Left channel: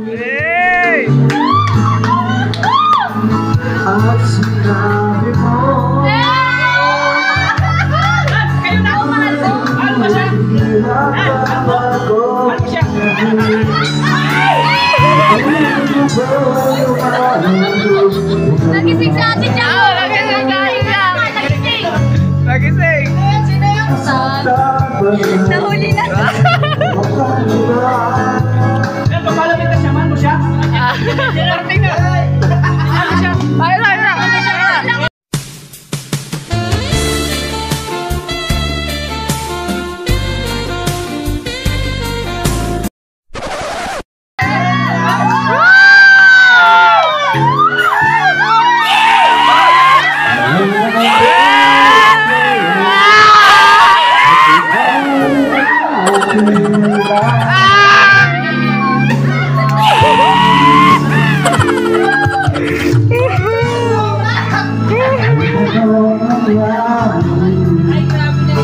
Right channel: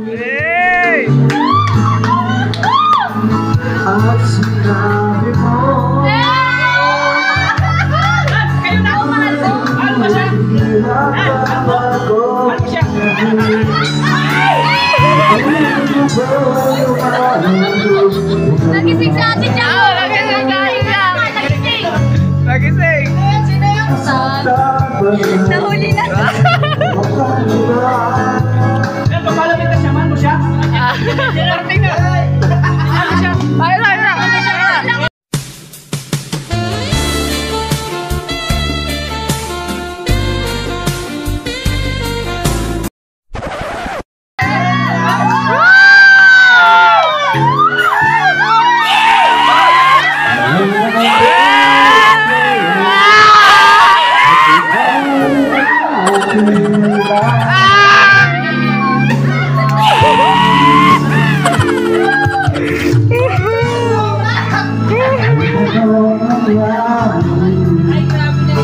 Hey! At sinabi mo Kayo na ako mahal ko. Ano ba siya? Ano siya? Nagising sa atin siya. Nagising! Sino yung son? Nahuli na. Ano, papalapit na siya. Mahal mo siya? Parating na. Mahal mo siya? Ay, ay, ay!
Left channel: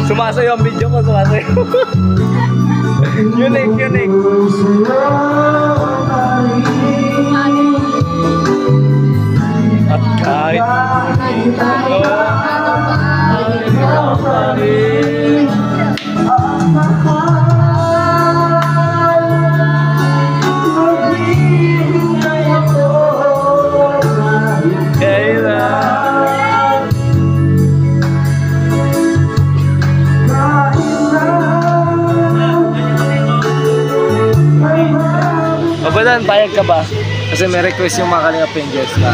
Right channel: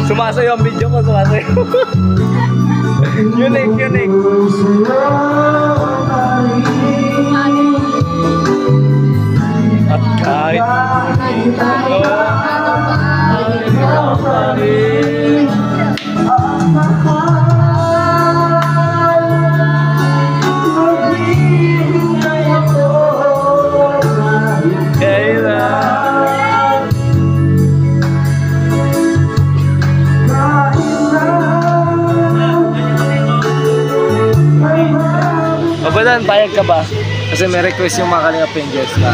Sumasayo ang video ko, sumasayo. Unique, unique. At kahit ikaw pa rin. Kailan Babadan, payag ka ba? Kasi may request yung mga Kalinga Pingers na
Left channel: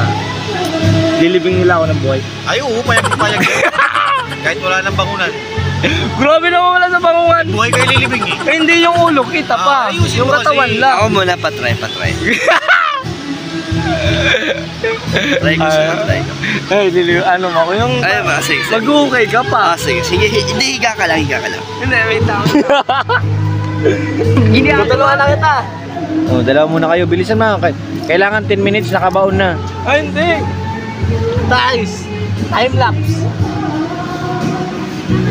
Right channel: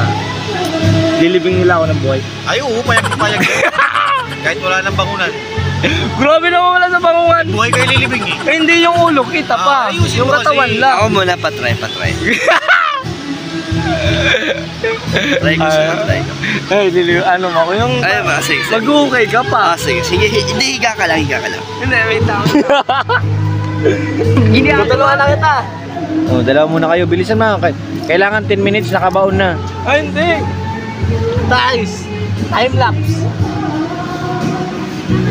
lilibing nila ako ng buhay. Ay, oo, payag. Kahit wala nang bangunan. Grabe naman wala sa bangungan. Buhay kayo lilibing eh. Eh, hindi yung ulo, kita pa. ayusin Yung mo katawan kasi. lang. Ako muna, patry. Try ko siya, try ko. Ay, ano mo ako yung Ay, ba, sige. mag-okay ka pa. Sige. Hindi, higa ka lang. Hindi, wait lang. Tutulungan na kita. Oh, dalawa muna kayo. Bilisan na. Kailangan 10 minutes, nakabaon na. Ay, hindi. Guys, time lapse.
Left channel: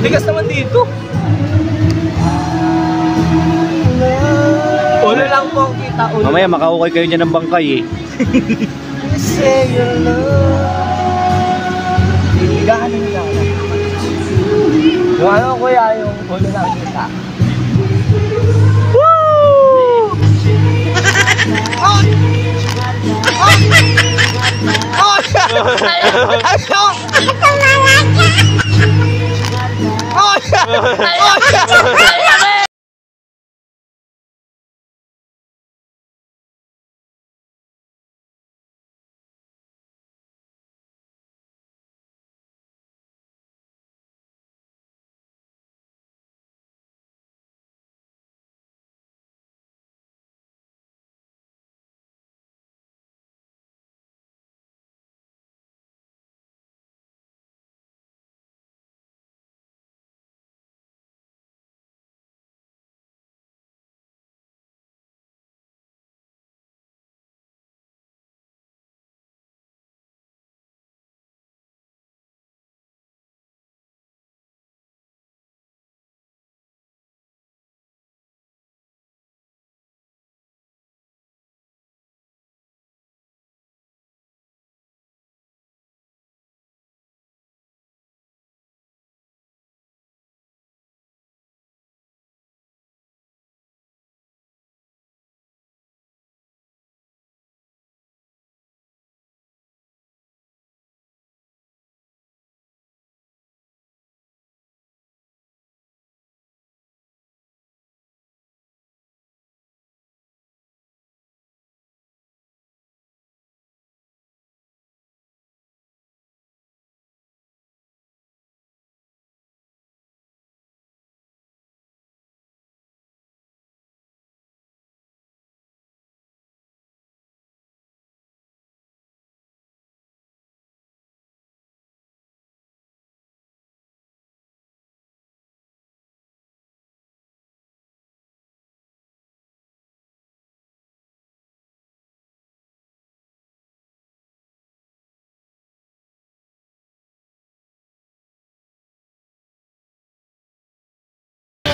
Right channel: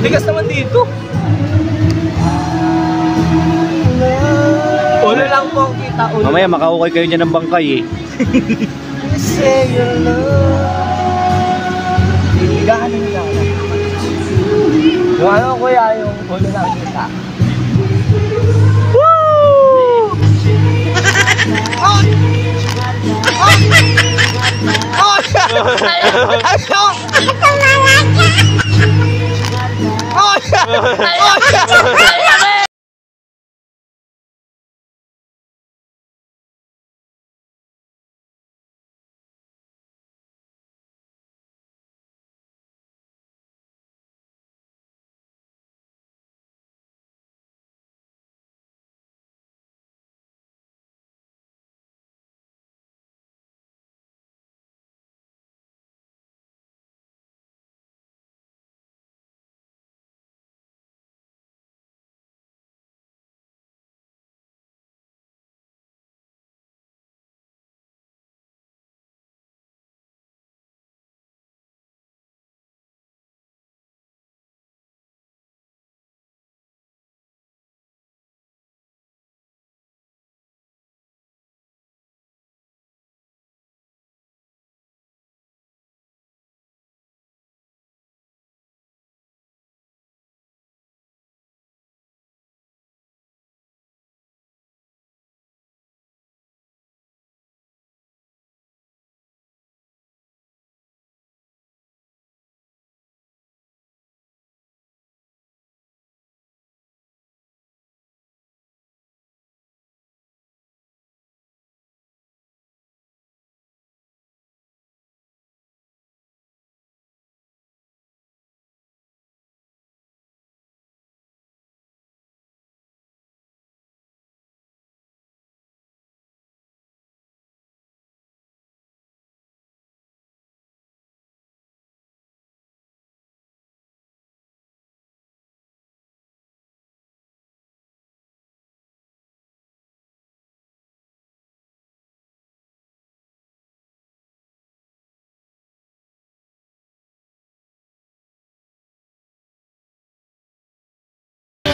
Bigas naman dito. Ulo lang po ang kita. Ulo. Mamaya makahukay kayo dyan ng bangkay eh. Say your love. Higaan na nila. Yung ano kuya, yung ulo lang kita. Woo!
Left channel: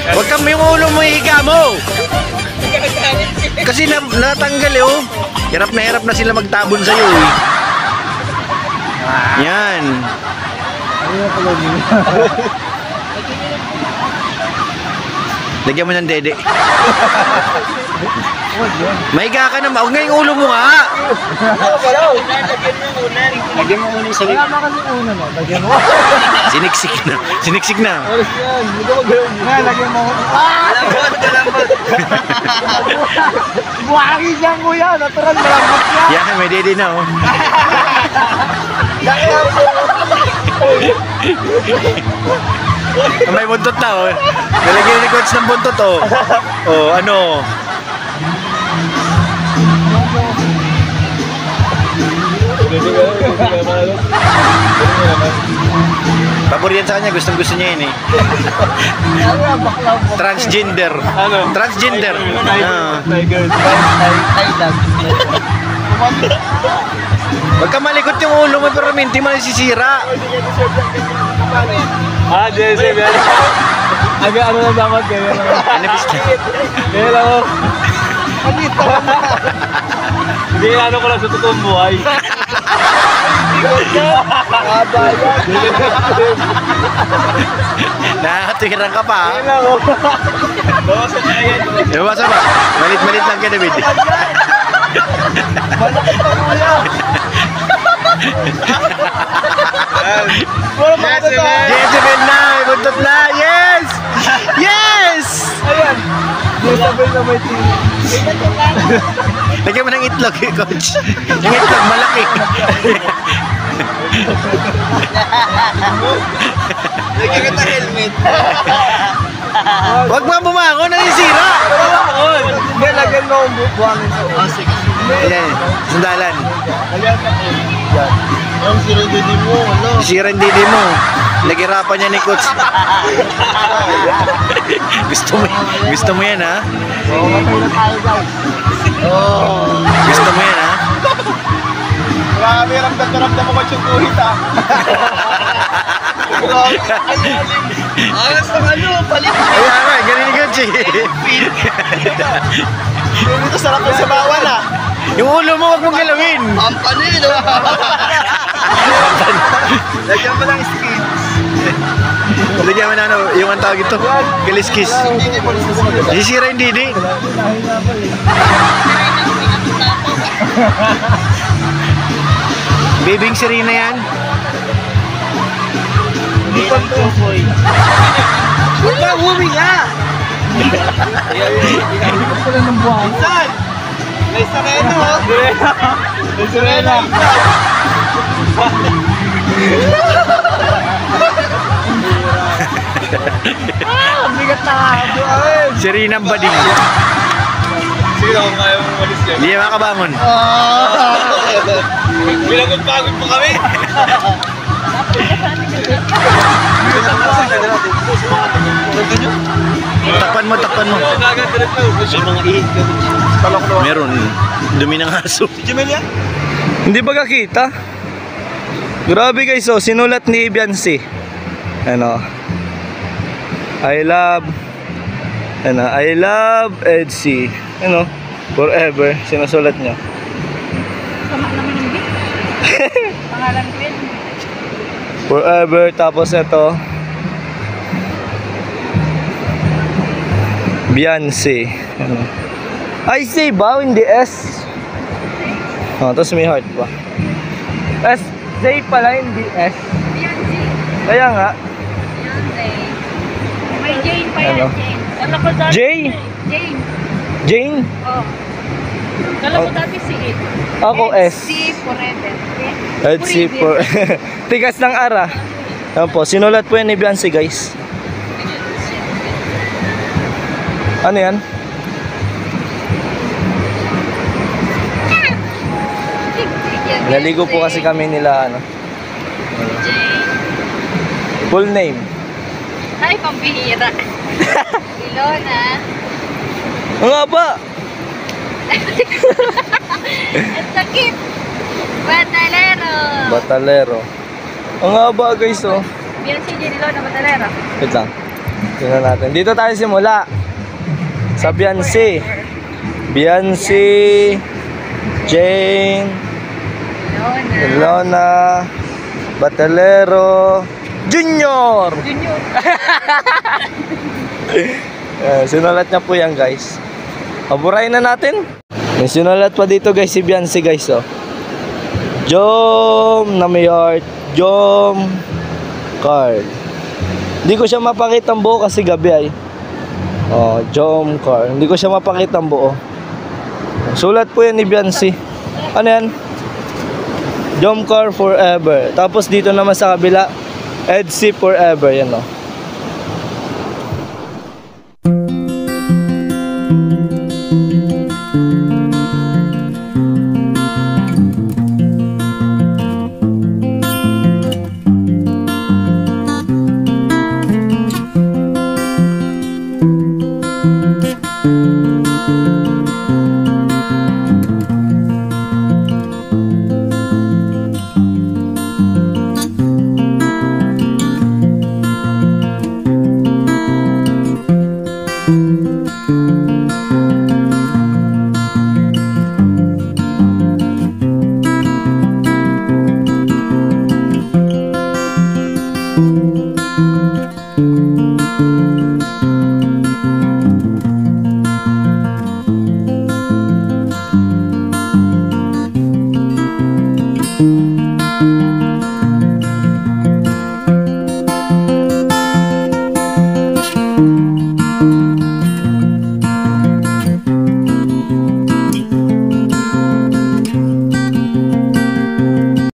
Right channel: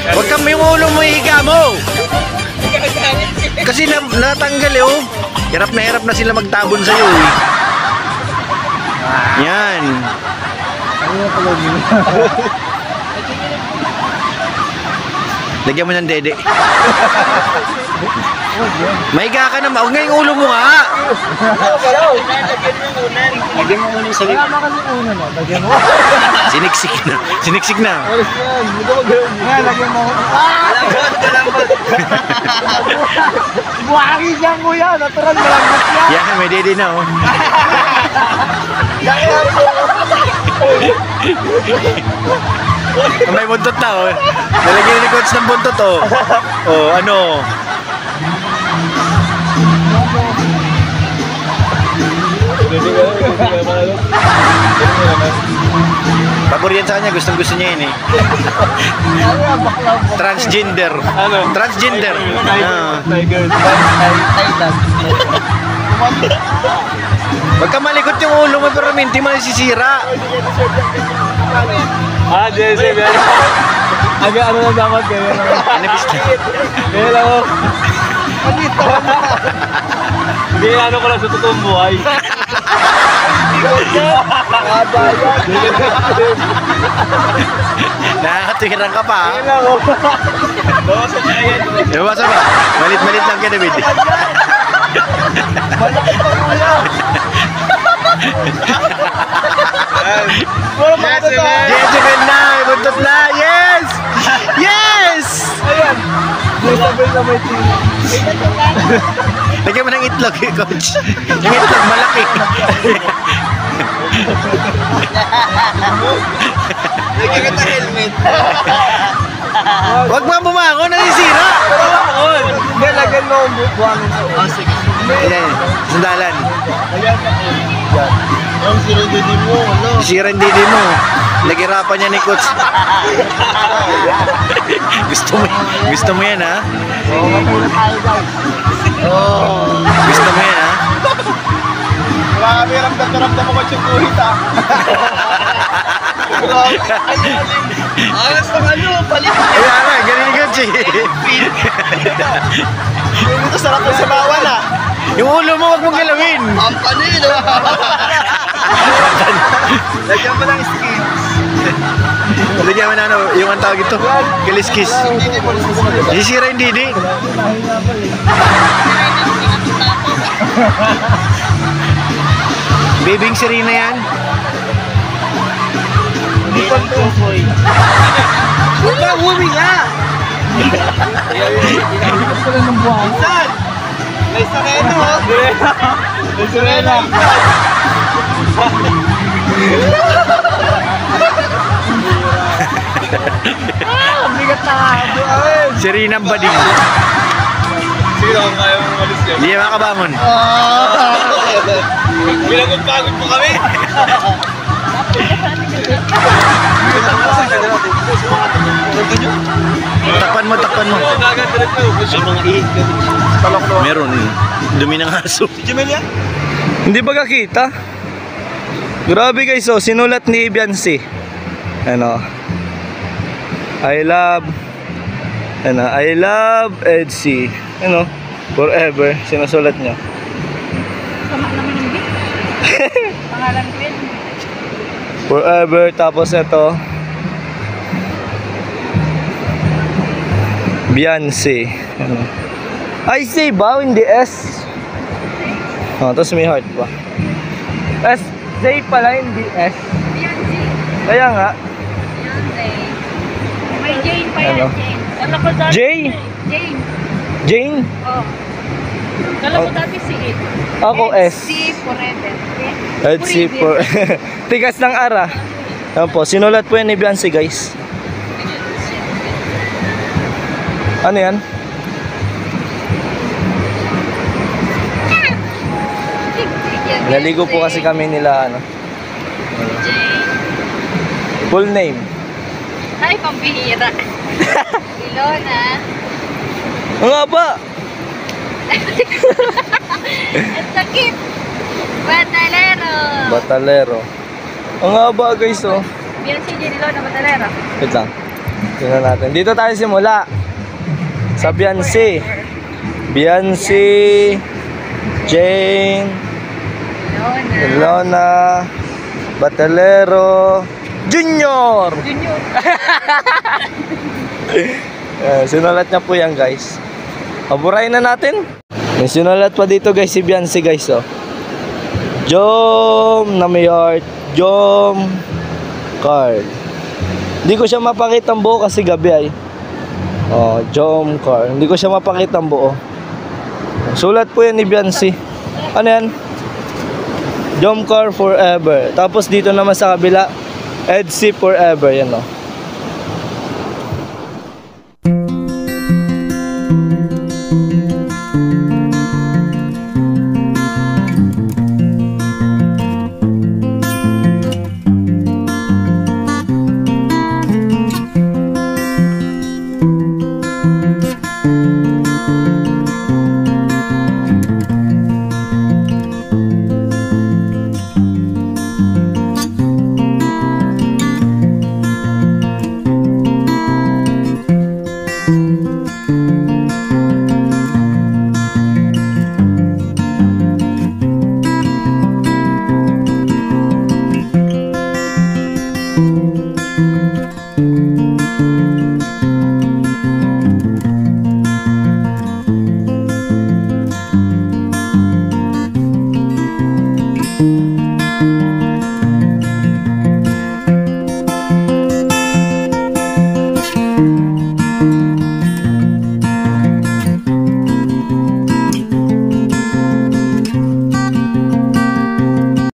Huwag kang yung ulo mo higa mo! kasi natanggal eh, oh. Hirap na sila magtabon sa'yo eh. Yan. Ano yung pagod nyo? Lagyan mo ng dede. Mahiga ka naman. Huwag nga yung ulo mo nga. Lagyan mo muna yung salit. Wala kasi uno, no? Lagyan mo. Siniksik na. Siniksik na. Alas yan. Hindi ko gawin. Lagyan mo. Buhagi dyan, kuya. Natural, malambot yan. Yan, may dede na oh. May buntot na oh. Nalagyan ni coach ng buntot oh. Oh, ano? Pabor yan sa kanya, gustong-gusto niya yun eh. Transgender. Ano? Transgender. Ah. Huwag ka malikot yung ulo mo pero minti mo nasisira. Ah, Jesse, yan. Aga, ano na dapat ganyan lang. Anipis na. Ganyan lang ako. Hindi, ano ko lang sa totoong buhay. Nakakatiran ka pa. Ganyan lang ako. Bawasan na yan. Basta ba? Malit-malit lang ka, David. Malaki pa kuya. Wala pa ka na. Jezebel na! May buntot na! Yes! Yes! Ayan. Jezebel na may tino. Lagyan mo ng itlog, coach. Yung itlog, malaki. Lagyan ka ng helmet. Huwag mo bumango, nasisira. Hindi, lagyan mo ang buhangin sa ulo. Sige. Ayan, sandalan. Ang sirindidi mo, ano? Sira yung didi mo. Nagirapan niya ni coach. Gusto mo yan, ha? Oo, matay na tayo, guys. Gusto mo yan, ha? Wala kami ramdam mo coach yung kuhit ha. Alas ng ano, balik. Ayan nga, galing ni coach eh. Dito sarap ng sabawan ha. Yung ulo mo, huwag mong galawin. Pampanin, no? Lagyan mo ng skins. Lagyan mo na ano, yung ang tawag ito. Kaliskis. Hindi mo nasisira. Sisira yung didi. Bibing Serena yan. Hindi pa ito. Huwag ka, uwi nga! Inikot ko lang ng buhangin. Saan? May sakeno ha. May sirena. Ang bigat na buhangin. Serena ang bading. Sino kung kaya mong malis yan? Hindi makabangon. Pinagod-pagod mo kami. Takpan mo. Meron. Dumi ng aso. Jimelia? Hindi ba kakita? Grabe guys, oh, sinulat ni Biancy. Ano? I love Edsy. Ano? Forever. Sinusulat niya. Sama naman yung big. Pangalan ko yun. Forever. Tapos ito. Biancy. Ano? I say ba? Hindi S. Oh, tapos may heart pa. S. Zay pala, hindi S. Beyonce. Kaya nga. Beyonce. May Jane pa yan, Ano? Jane. Kala ko dati Jay? Jane. Jane? Oh. Kala ko dati si It. Ako S. Si Forever. Let's see for tigas ng ara. Yan po, sinulat po yan ni Biancy guys. Ano yan? Naligo po kasi kami nila ano. Full name. Ay, pambihira. Ilona. Ang nga ba? Ang sakit. Batalero. Batalero. Ang nga ba guys oh. Beyonce, Jane, Ilona, Batalero. Wait lang. Tingnan natin. Dito tayo simula. Sa Biancy. Biancy, Jane, Lona, Batalero, Junior. Junior. Sinulat niya po yan, guys. Aburahin na natin. May sinulat pa dito, guys, si Biancy, guys, oh. Jom na may heart, Jom card. Hindi ko siya mapakita ang buo kasi gabi ay. Oh, Jom card. Hindi ko siya mapakita ang buo. Sulat po yan ni Biancy. Ano yan? Jom card forever. Tapos dito naman sa kabila, Edsy forever, yan, oh.